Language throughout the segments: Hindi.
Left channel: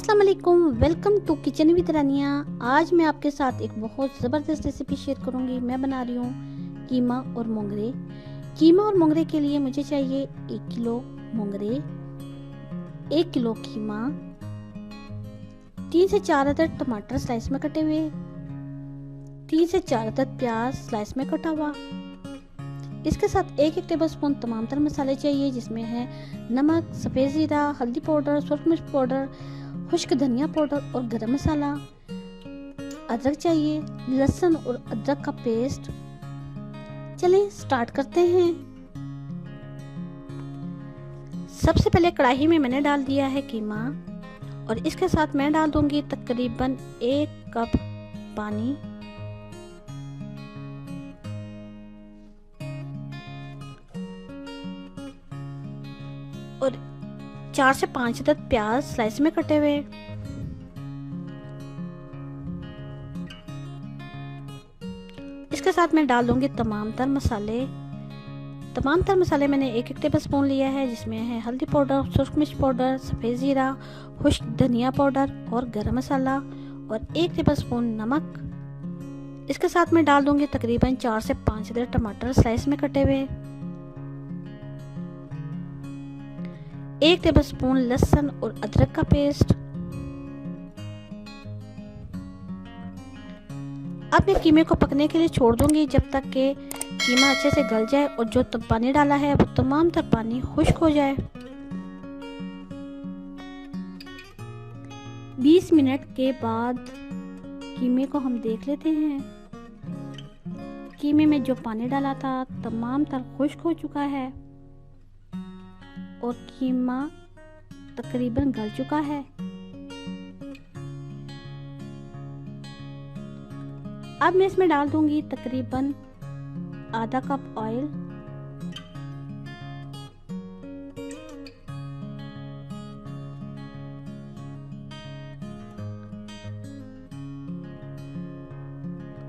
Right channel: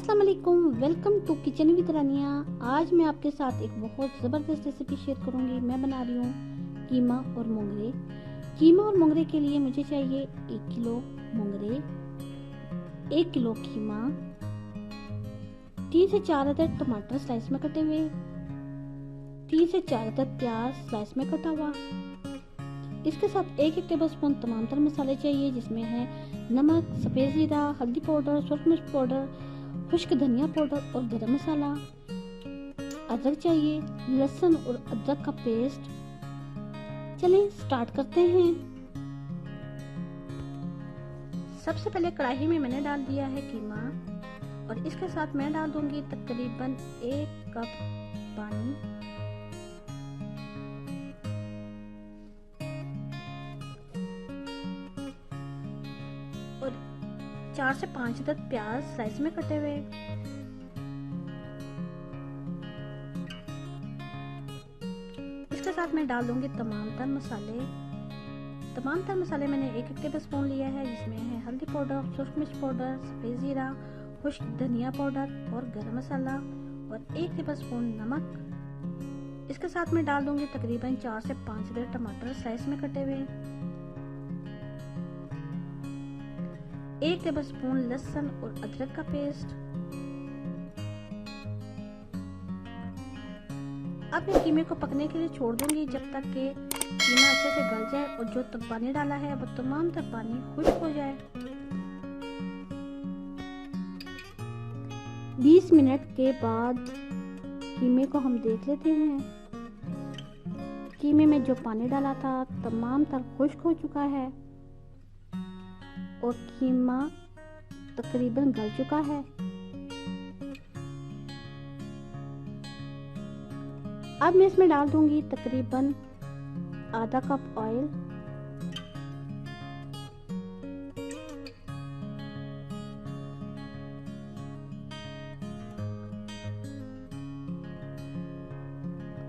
अस्सलाम वालेकुम, वेलकम टू किचन विद रानिया। आज मैं आपके साथ एक बहुत ज़बरदस्त रेसिपी शेयर करूंगी। मैं बना रही हूँ कीमा और मोंगरे। कीमा और मोंगरे के लिए मुझे चाहिए 1 किलो मोंगरे, 1 किलो कीमा, 3 से 4 अदद टमाटर स्लाइस में कटे हुए, 3 से 4 अदद प्याज स्लाइस में कटा हुआ। इसके साथ 1 टेबल स्पून तमाम तर मसाले चाहिए, जिसमें है नमक, सफ़ेद ज़ीरा, हल्दी पाउडर, सुरख मिर्च पाउडर, खुश्क धनिया पाउडर और गरम मसाला। अदरक चाहिए, लहसुन और अदरक का पेस्ट। चलिए स्टार्ट करते हैं। सबसे पहले कढ़ाई में मैंने डाल दिया है कीमा और इसके साथ मैं डाल दूंगी तकरीबन 1 कप पानी। और 4 से 5 अदद प्याज स्लाइस में कटे हुए। इसके साथ मैं डाल दूंगी तमाम तर मसाले। तमाम तर मसाले मैंने 1 टेबल स्पून लिया है, जिसमें है हल्दी पाउडर, सुरख मिर्च पाउडर, सफ़ेद ज़ीरा, खुश्क धनिया पाउडर और गरम मसाला और 1 टेबल स्पून नमक। इसके साथ मैं डाल दूंगी तकरीबन 4 से 5 अदद टमाटर स्लाइस में कटे हुए, 1 टेबल स्पून लहसुन और अदरक का पेस्ट। अब मैं कीमे को पकने के लिए छोड़ दूंगी जब तक कि कीमा अच्छे से गल जाए और जो पानी डाला है वो तमाम तर पानी खुश्क हो जाए। 20 मिनट के बाद कीमे को हम देख लेते हैं। कीमे में जो पानी डाला था तमाम तर खुश्क हो चुका है और कीमा तकरीबन गल चुका है। अब मैं इसमें डाल दूंगी तकरीबन आधा कप ऑयल।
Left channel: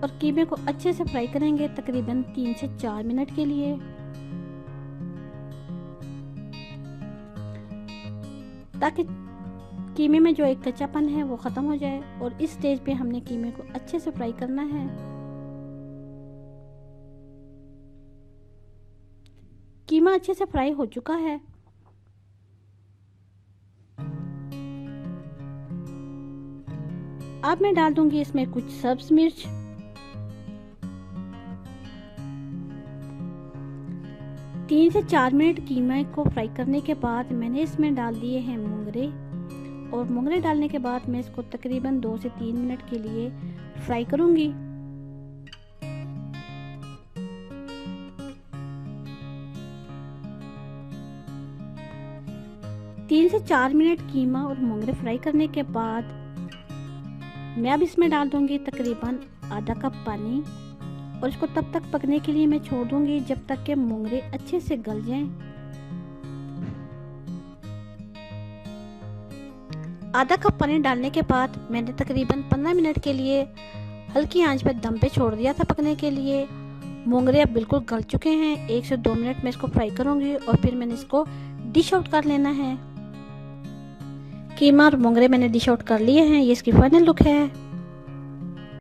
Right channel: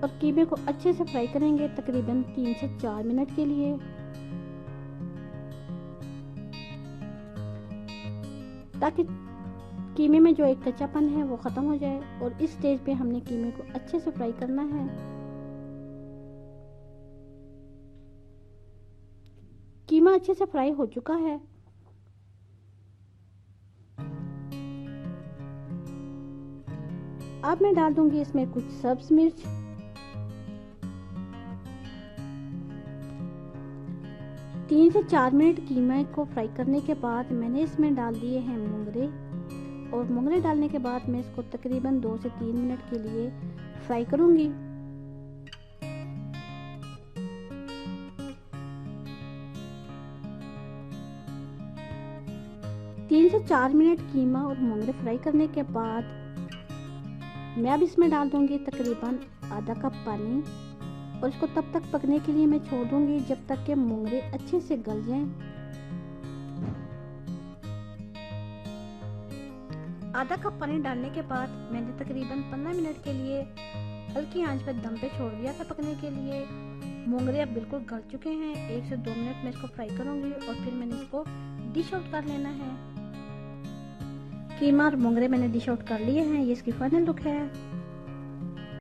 और कीमे को अच्छे से फ्राई करेंगे तकरीबन 3 से 4 मिनट के लिए। ताकि कीमे में जो एक कच्चापन है वो ख़त्म हो जाए। और इस स्टेज पे हमने कीमे को अच्छे से फ्राई करना है। कीमा अच्छे से फ्राई हो चुका है। अब मैं डाल दूंगी इसमें कुछ सब्ज मिर्च, तीन से 4 मिनट कीमा को फ्राई करने के बाद मैंने इसमें डाल दिए हैं मोंगरे। और मोंगरे डालने के बाद मैं इसको तकरीबन 2 से 3 मिनट के लिए फ्राई करूंगी। तीन से 4 मिनट कीमा और मोंगरे फ्राई करने के बाद मैं अब इसमें डाल दूंगी तकरीबन आधा कप पानी और इसको तब तक पकने के लिए मैं छोड़ दूंगी जब तक कि मोंगरे अच्छे से गल जाएं। आधा कप पानी डालने के बाद मैंने तकरीबन 15 मिनट के लिए हल्की आंच पर दम पे छोड़ दिया था पकने के लिए। मोंगरे अब बिल्कुल गल चुके हैं। 1 से 2 मिनट में इसको फ्राई करूंगी और फिर मैंने इसको डिश आउट कर लेना है। कीमा और मोंगरे मैंने डिश आउट कर लिए हैं। ये इसकी फाइनल लुक है।